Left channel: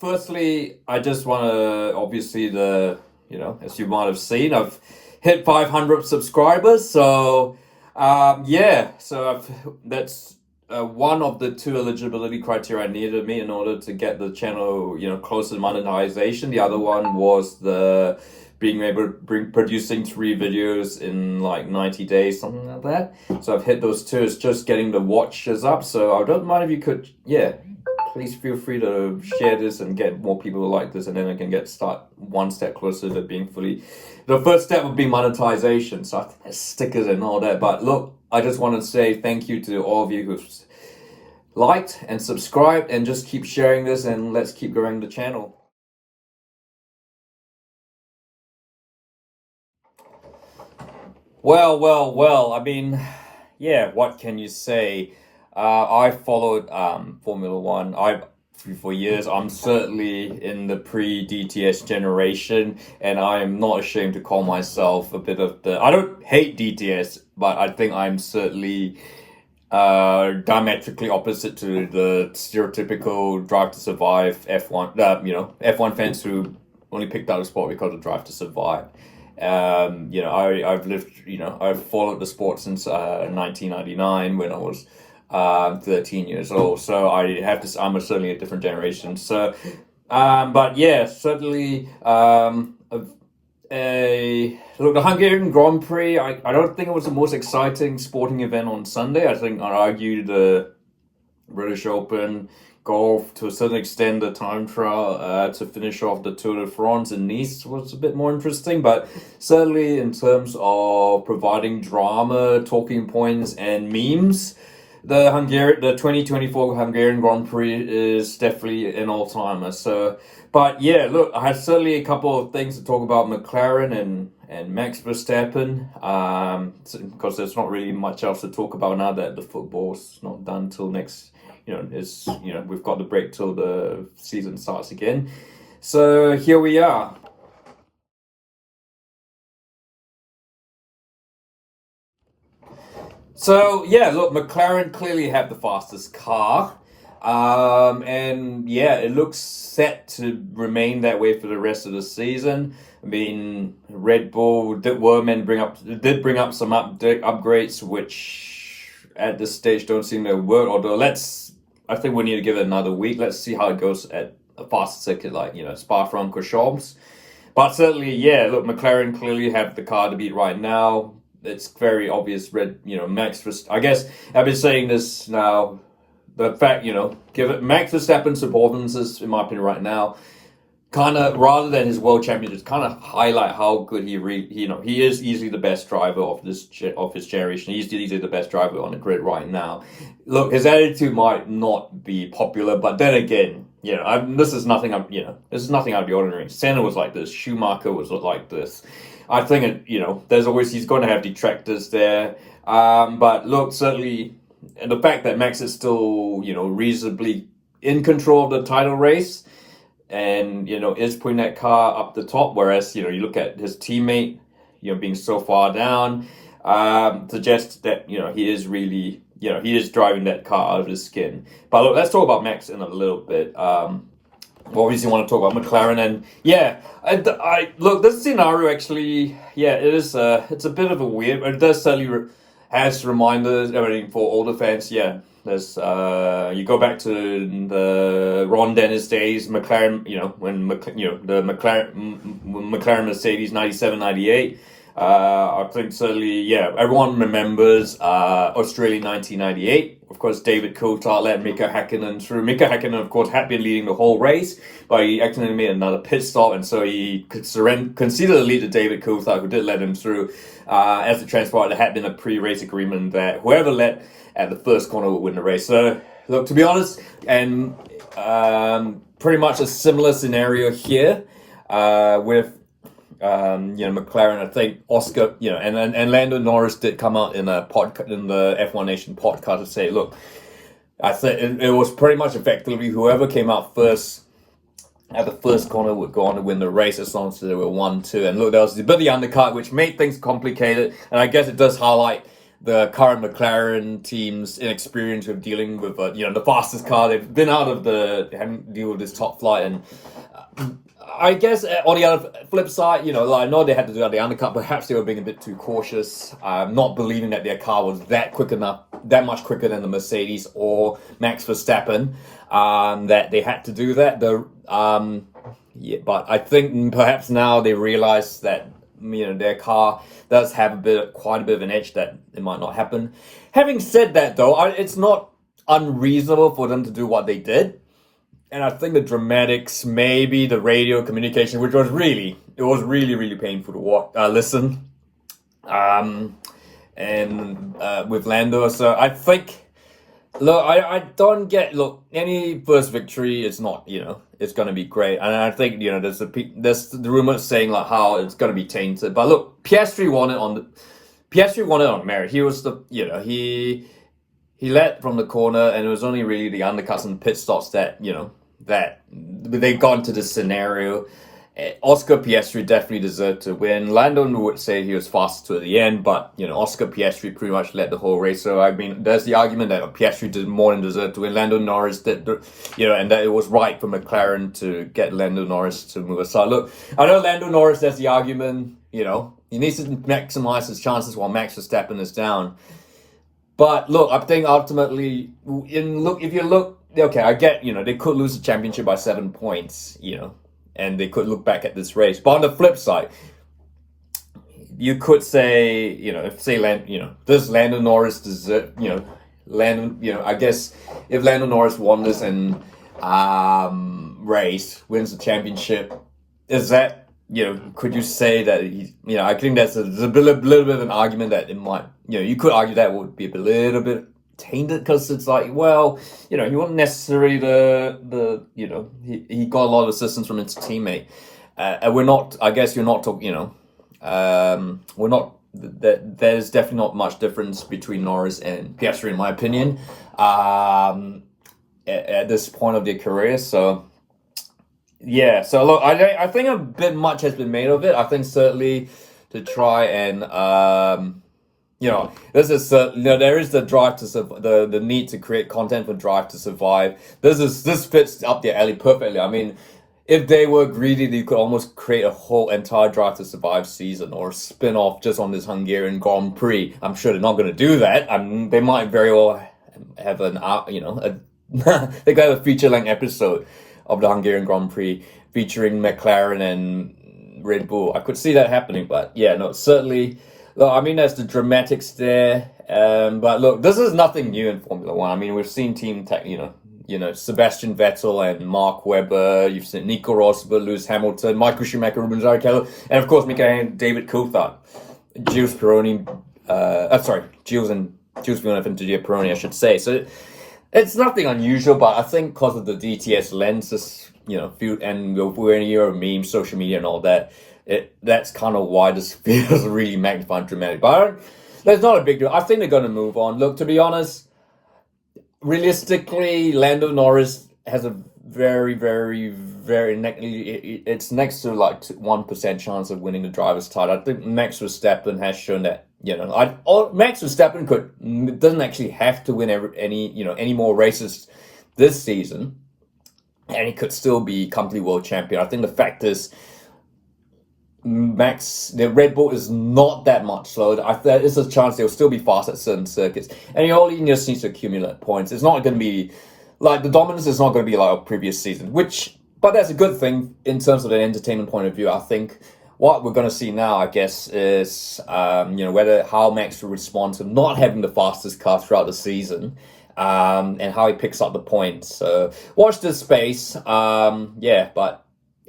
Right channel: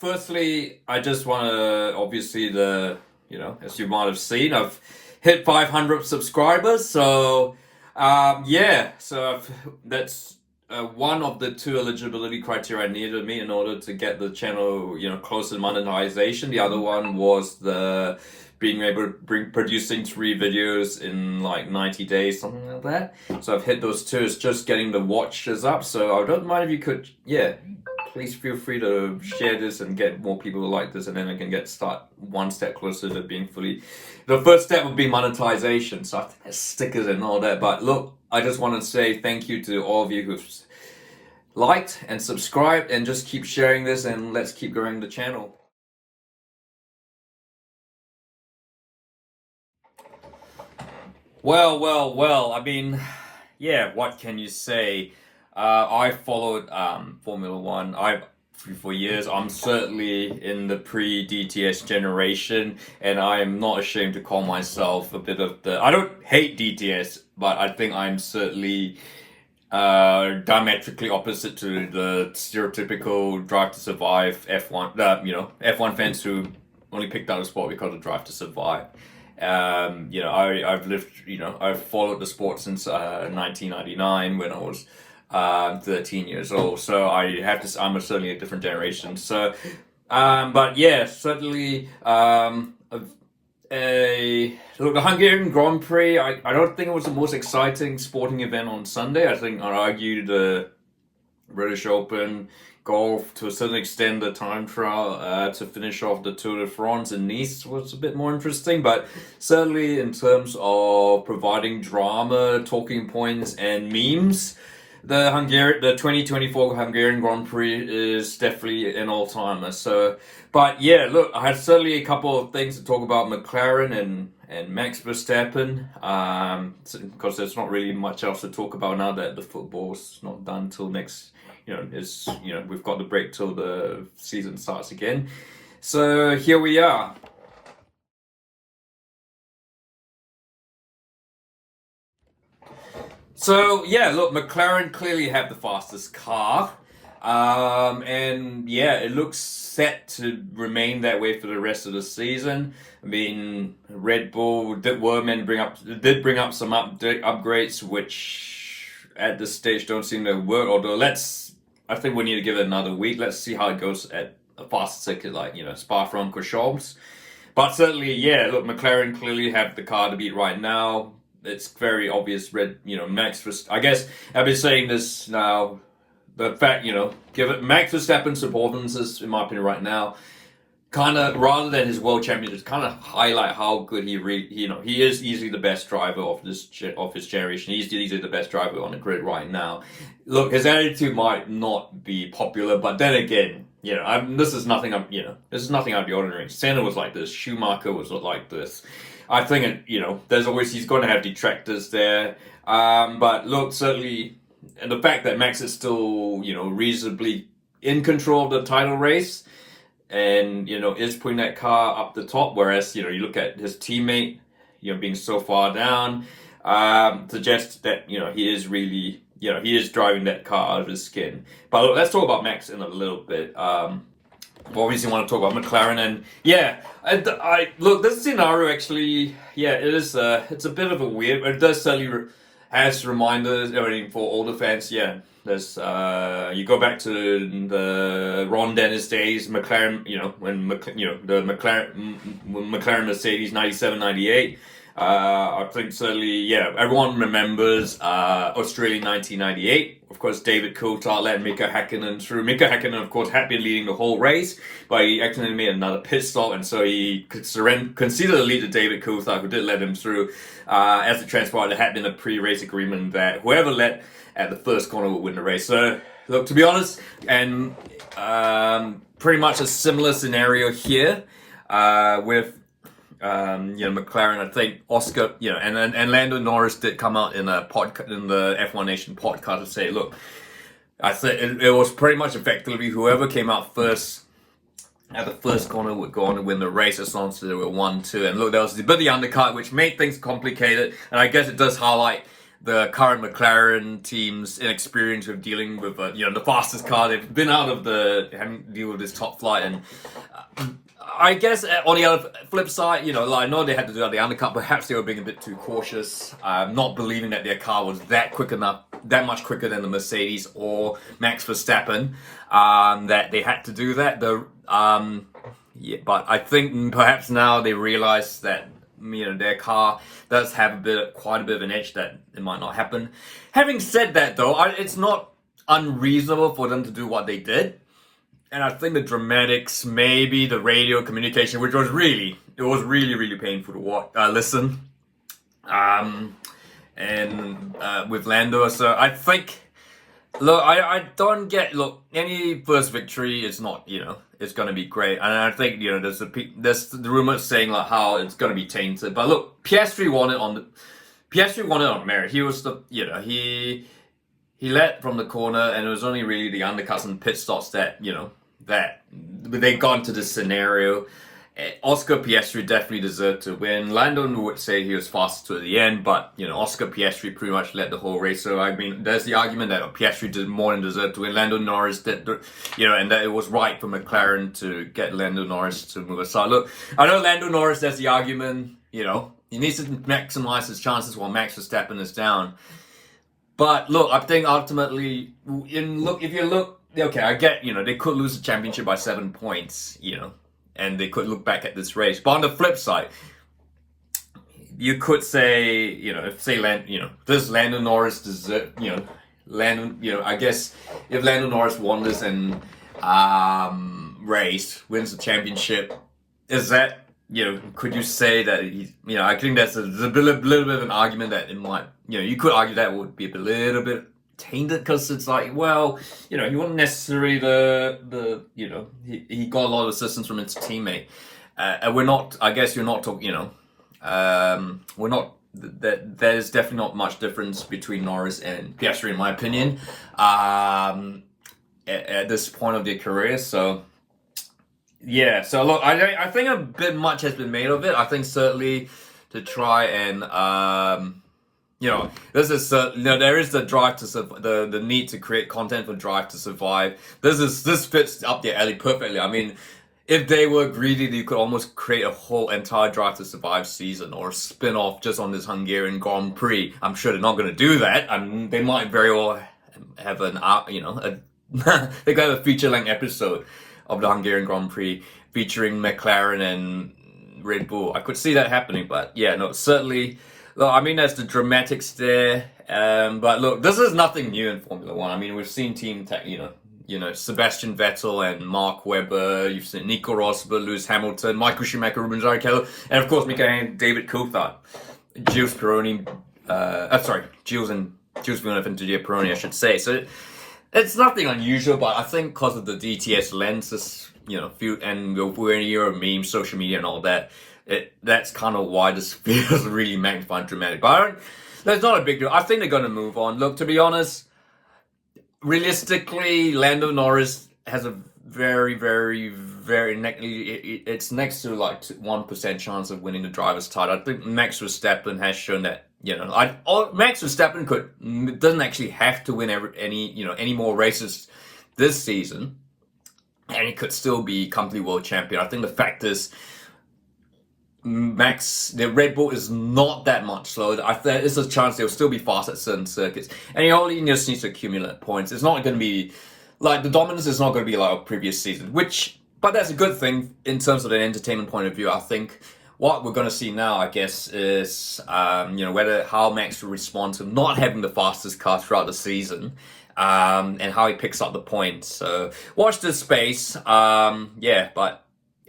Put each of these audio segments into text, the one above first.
Firstly, I just want to, obviously, as you might have seen, I've hit 500 subscribers. So, that's one of the two eligibility criteria I needed to meet in order to get the channel, closer to monetization. The other one was the being able to producing 3 videos in like 90 days, something like that. So I've hit those two. It's just getting the watches up. So I don't mind if you could, please feel free to share this and get more people like this, and then I can start one step closer to being fully. The first step would be monetization, so I think there's stickers and all that. But look, I just want to say thank you to all of you who've liked and subscribed, and just keep sharing this, and let's keep growing the channel. Well. I mean, what can you say? I followed Formula One. For years. I'm certainly in the pre-DTS generation, and I am not ashamed to call myself a bit of the. I don't hate DTS, but I think I'm certainly diametrically opposite to the stereotypical Drive to Survive F1. F1 fans who only picked out the sport because of Drive to Survive. I've followed the sport since 1999 when I was 13 years old. So I'm certainly a different generation. So, certainly, look, the Hungarian Grand Prix, I don't think it was the most exciting sporting event on Sunday. I think I'd argue the British Open, golf, to a certain extent, the time trial to finish off the Tour de France in Nice was a bit more interesting, but certainly in terms of providing drama, talking points, and memes, the 2024 Hungarian Grand Prix is definitely an all-timer. So, but look, I had certainly a couple of things to talk about McLaren and Max Verstappen, because there's not really much else to talk about now that the football's not done till next. We've got the break till the season starts again. So here we are. So look, McLaren clearly have the fastest car, it looks set to remain that way for the rest of the season. I mean, Red Bull did bring up some upgrades, which at this stage don't seem to work. Although I think we need to give it another week. Let's see how it goes at a fast circuit like Spa-Francorchamps. But certainly, look, McLaren clearly have the car to beat right now. It's very obvious. Max Verstappen. I guess I've been saying this now. The fact, give it Max Verstappen's performances, in my opinion, right now, kind of rather than his world championships, kind of highlight how good he is easily the best driver of his generation. He's easily the best driver on the grid right now. Look, his attitude might not be popular, but then again, this is nothing out of the ordinary. Senna was like this. Schumacher was like this. I think he's going to have detractors there. But look, certainly, and the fact that Max is still, reasonably in control of the title race, and is putting that car up the top, whereas you look at his teammate, being so far down, suggests that he is really he is driving that car out of his skin. But look, let's talk about Max in a little bit. We obviously want to talk about McLaren, and I look, this scenario actually, it is it's a bit of a weird, but it does certainly has reminders, everything for older fans. There's you go back to the Ron Dennis days, McLaren, when the McLaren Mercedes 97, 98. I think certainly, everyone remembers Australia 1998. Of course, David Coulthard led Mika Häkkinen through. Mika Häkkinen, of course, had been leading the whole race, but he accidentally made another pit stop, and so he could concede the lead to David Coulthard, who did let him through. As it transpired, there had been a pre-race agreement that whoever led at the first corner would win the race. So, look, to be honest, and pretty much a similar scenario here with McLaren. I think Oscar, and Lando Norris did come out in the F1 Nation podcast to say, look, I think it was pretty much effectively whoever came out first at the first corner would go on to win the race as long as there were 1-2. And look, there was a bit of the undercut, which made things complicated. And I guess it does highlight the current McLaren team's inexperience with dealing with the fastest car. They've been out of having to deal with this top flight, and I guess on the other flip side, I know they had to do the undercut. Perhaps they were being a bit too cautious, not believing that their car was that much quicker than the Mercedes or Max Verstappen, that they had to do that. But I think perhaps now they realize that their car does have quite a bit of an edge, that it might not happen. Having said that, though, it's not unreasonable for them to do what they did. And I think the dramatics, maybe the radio communication, which was really painful to listen. And with Lando, so I think, look, I don't get, any first victory is not, it's going to be great. And I think, there's the rumors saying how it's going to be tainted. But look, Piastri won it on merit. He was he led from the corner, and it was only really the undercuts and pit stops that, that they got into this scenario. Oscar Piastri definitely deserved to win. Lando would say he was fastest to the end, but Oscar Piastri pretty much led the whole race. So I mean, there's the argument that Piastri did more than deserve to win. Lando Norris did, and that it was right for McLaren to get Lando Norris to move aside. Look, I know Lando Norris. There's the argument. He needs to maximize his chances while Max Verstappen is down. But look, I think ultimately, if you look. Okay, I get, they could lose the championship by 7 points, and they could look back at this race. But on the flip side, you could say, does Lando Norris deserve, I guess if Lando Norris won this and race, wins the championship, is that, could you say that I think there's a little bit of an argument that it might, you could argue that would be a little bit tainted, because it's he wasn't necessarily he got a lot of assistance from his teammate. We're not, I guess you're not talking, we're not, there's definitely not much difference between Norris and Piastri, in my opinion, at this point of their career. So, yeah, so look, I think a bit much has been made of it. I think certainly to try and, this is there is the drive to the need to create content for Drive to Survive. This fits up their alley perfectly. I mean, if they were greedy, they could almost create a whole entire Drive to Survive season or a spin-off just on this Hungarian Grand Prix. I'm sure they're not going to do that. They might very well have they got a feature-length episode of the Hungarian Grand Prix featuring McLaren and Red Bull. I could see that happening, but yeah, no, certainly. Look, I mean, there's the dramatics there, but look, this is nothing new in Formula One. I mean, we've seen Team Tech, Sebastian Vettel and Mark Webber. You've seen Nico Rosberg, Lewis Hamilton, Michael Schumacher, Rubens Barrichello, and of course, David Coulthard, Gilles Pironi. Gilles Villeneuve and Didier Pironi, I should say. So it's nothing unusual, but I think because of the DTS lenses, and we're in a year of memes, social media, and all that. That's kind of why this feels really magnified and dramatic. But there's not a big deal. I think they're going to move on. Look, to be honest, realistically, Lando Norris has a very, very, very... It's next to 1% chance of winning the driver's title. I think Max Verstappen has shown that, Max Verstappen doesn't actually have to win any more races this season, and he could still be comfortably world champion. I think the fact is, the Red Bull is not that much slower. There is a chance they'll still be fast at certain circuits, and he only just needs to accumulate points. It's not going to be the dominance is not going to be like a previous season, but that's a good thing in terms of an entertainment point of view. I think what we're going to see now, I guess, is how Max will respond to not having the fastest car throughout the season, and how he picks up the points. So watch this space. But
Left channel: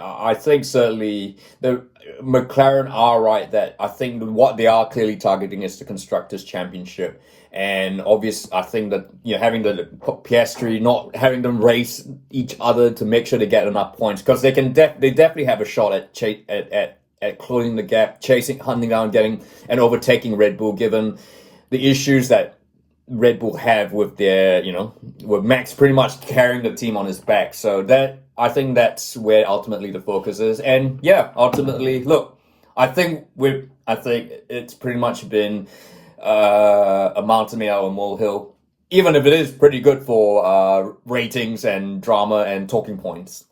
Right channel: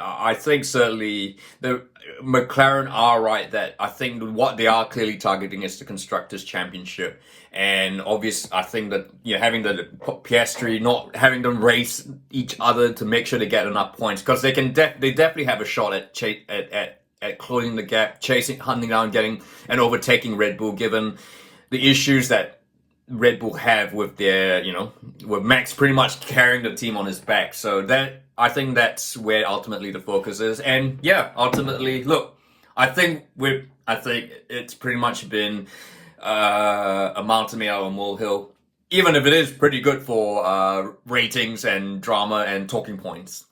I think certainly the McLaren are right that I think what they are clearly targeting is the Constructors' Championship. And I think that having the Piastri, not having them race each other to make sure they get enough points, because they definitely have a shot at closing the gap, hunting down, getting and overtaking Red Bull, given the issues that Red Bull have with their, with Max pretty much carrying the team on his back. So I think that's where ultimately the focus is. And yeah, ultimately, look, I think it's pretty much been a mountain made out of a molehill, even if it is pretty good for ratings and drama and talking points.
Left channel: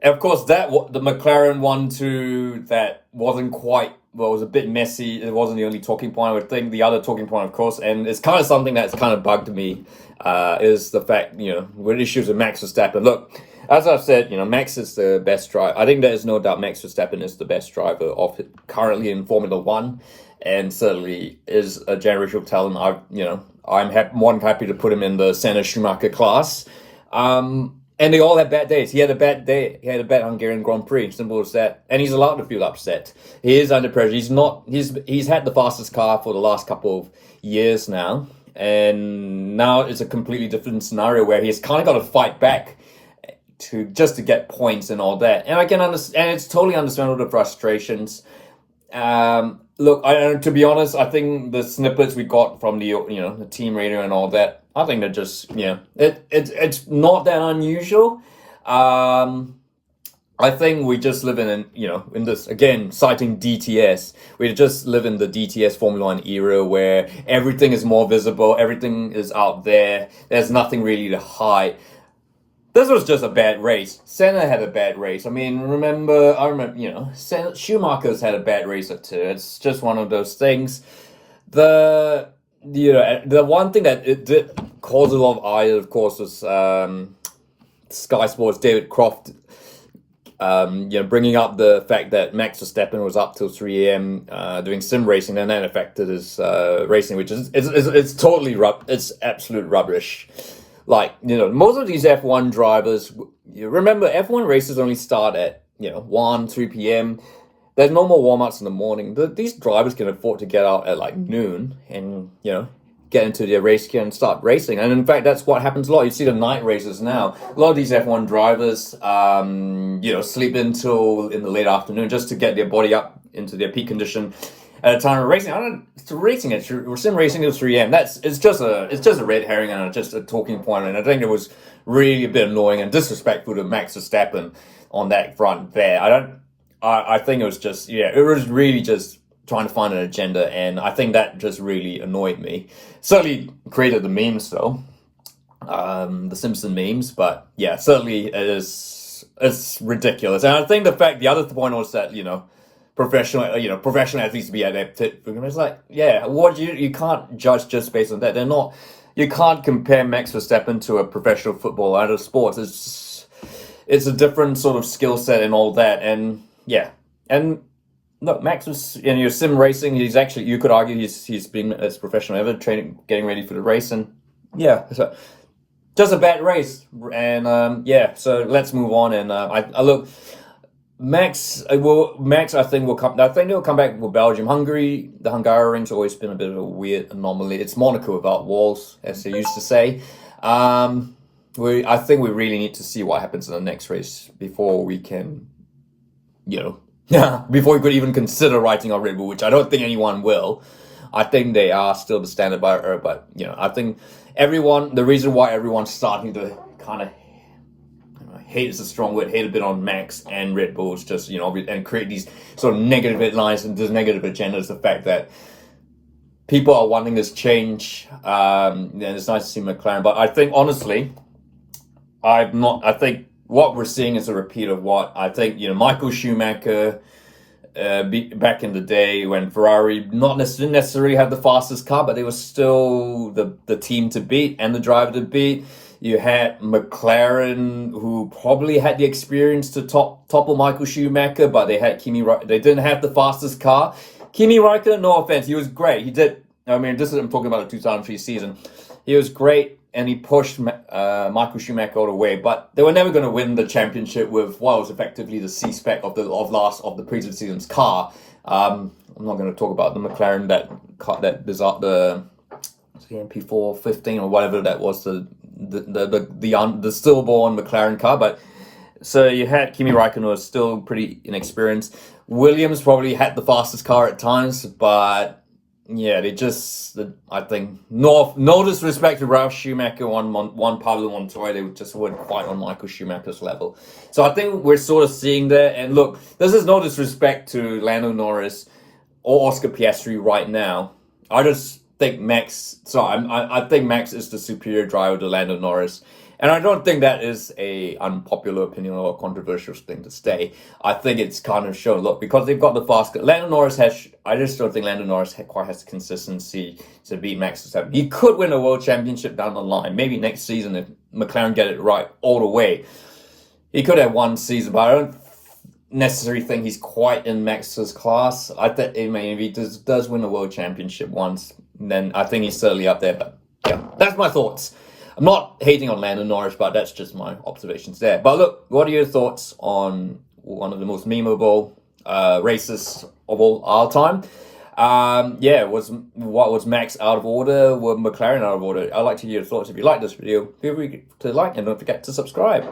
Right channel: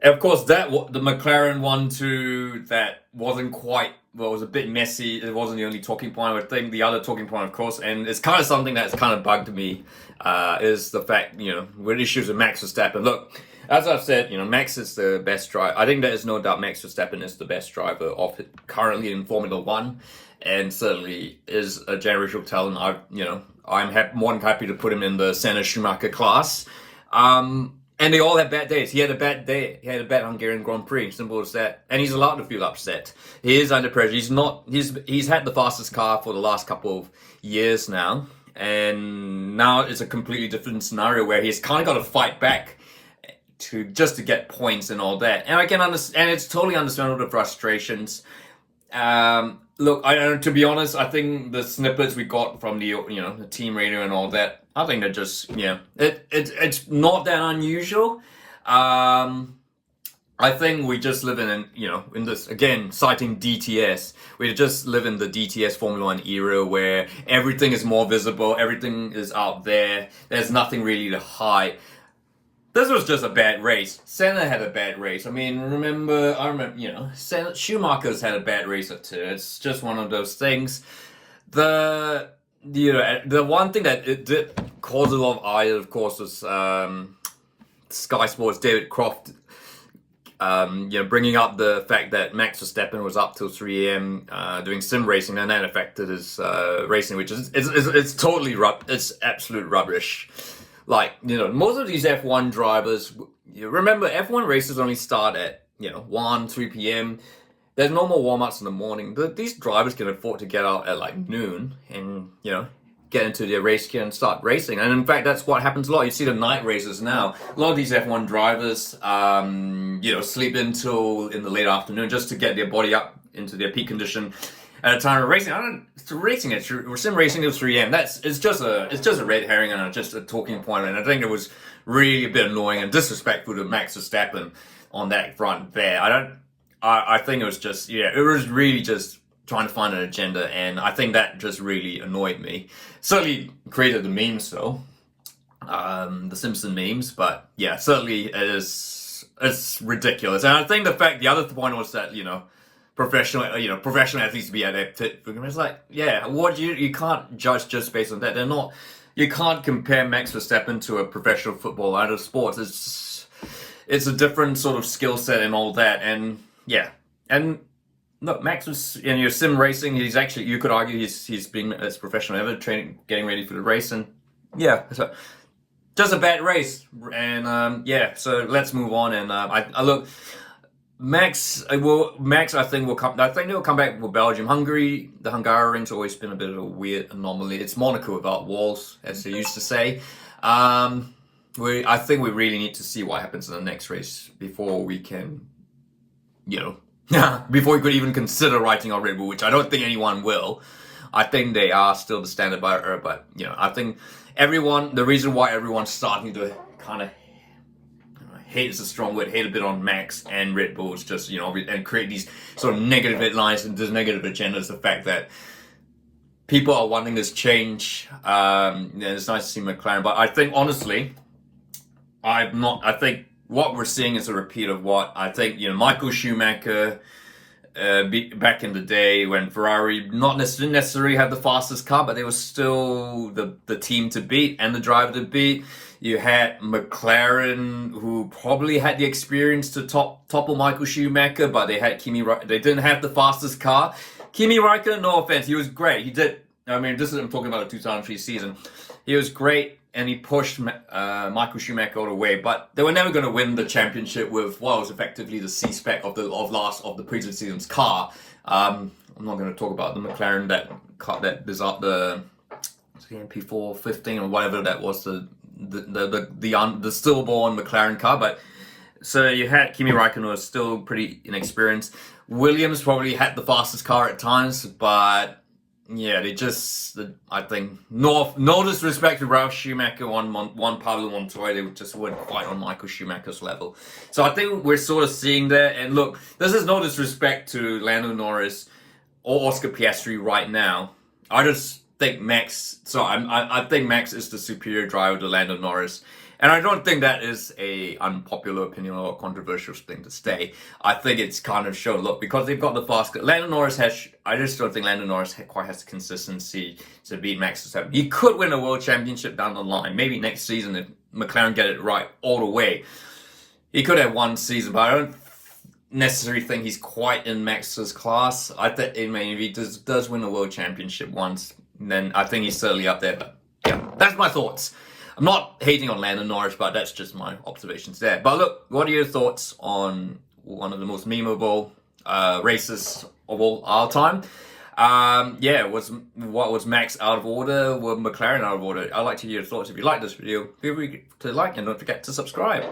And of course, the McLaren one too, that wasn't quite, well, it was a bit messy. It wasn't the only talking point. I would think the other talking point, of course, and it's kind of something that's kind of bugged me, is the fact, with issues with Max Verstappen. Look, as I've said, Max is the best driver. I think there is no doubt Max Verstappen is the best driver of it currently in Formula One, and certainly is a generational talent. I'm more than happy to put him in the Senna Schumacher class. And they all had bad days. He had a bad day. He had a bad Hungarian Grand Prix. Simple as that. And he's allowed to feel upset. He is under pressure. He's had the fastest car for the last couple of years now. And now it's a completely different scenario where he's kind of got to fight back to get points and all that. And I can understand. And it's totally understandable, the frustrations. Look, to be honest, I think the snippets we got from the team radio and all that, I think they're just it's not that unusual. I think we just live in this, again, citing DTS. We just live in the DTS Formula One era where everything is more visible, everything is out there. There's nothing really to hide. This was just a bad race. Senna had a bad race. I remember, Schumacher's had a bad race or two. It's just one of those things. The one thing that it did cause a lot of ire, of course, was Sky Sports' David Croft, bringing up the fact that Max Verstappen was up till 3 a.m. Doing sim racing, and that affected his racing, which is it's totally it's absolute rubbish. Like, most of these F1 drivers, remember, F1 races only start at 1, 3 p.m. There's no more warm-ups in the morning. These drivers can afford to get out at like noon and, get into their race gear and start racing. And in fact, that's what happens a lot. You see the night races now. A lot of these F1 drivers, sleep until in the late afternoon just to get their body up into their peak condition at a time of racing. Sim racing till 3 a.m. It's just a red herring and just a talking point. And I think it was really a bit annoying and disrespectful to Max Verstappen on that front there. I think it was just, it was really just trying to find an agenda, and I think that just really annoyed me. Certainly created the memes though, the Simpson memes, but yeah, certainly it's ridiculous. And I think the other point was that, professional athletes to be adapted. It's like, you can't judge just based on that. You can't compare Max Verstappen to a professional footballer out of sports. It's a different sort of skill set and all that, and yeah. And look, Max was in your sim racing. He's actually, you could argue, he's been as professional ever, training, getting ready for the race, and yeah, so just a bad race. And so let's move on. And I look, Max, I think will come. I think they'll come back with Belgium. The Hungarians always been a bit of a weird anomaly. It's Monaco without walls, as they used to say. I think we really need to see what happens in the next race before we can, before we could even consider writing off Red Bull, which I don't think anyone will. I think they are still the standard bearer, but I think the reason why everyone's starting to kind of hate is a strong word, hate a bit on Max and Red Bull is just, and create these sort of negative headlines and this negative agendas, the fact that people are wanting this change. And it's nice to see McLaren, but I think honestly, I think what we're seeing is a repeat of what I think, Michael Schumacher, back in the day when Ferrari not necessarily had the fastest car, but they were still the team to beat and the driver to beat. You had McLaren, who probably had the experience to topple Michael Schumacher, but they had they didn't have the fastest car. Kimi Räikkönen, no offense, he was great. He did. I'm talking about the 2003 season. He was great. And he pushed Michael Schumacher all the way, but they were never going to win the championship with what was effectively the C-spec of the previous season's car. I'm not going to talk about the McLaren the MP415 or whatever that was, the stillborn McLaren car. But so you had Kimi Räikkönen, who was still pretty inexperienced. Williams probably had the fastest car at times, but Yeah, they just, I think, no disrespect to Ralph Schumacher on one Pablo Montoya, they just weren't quite on Michael Schumacher's level. So I think we're sort of seeing that. And look, this is no disrespect to Lando Norris or Oscar Piastri right now. I just think I think Max is the superior driver to Lando Norris. And I don't think that is a unpopular opinion or a controversial thing to say. I think it's kind of shown, look, because they've got the faster. Lando Norris I just don't think Lando Norris quite has the consistency to beat Max Verstappen. He could win a world championship down the line. Maybe next season if McLaren get it right all the way. He could have one season, but I don't necessarily think he's quite in Max's class. I think if he does win a world championship once, then I think he's certainly up there. But yeah, that's my thoughts. I'm not hating on Lando Norris, but that's just my observations there. But look, what are your thoughts on one of the most memeable races of all time? Was Max out of order? Were McLaren out of order? I'd like to hear your thoughts. If you like this video, feel free to like and don't forget to subscribe.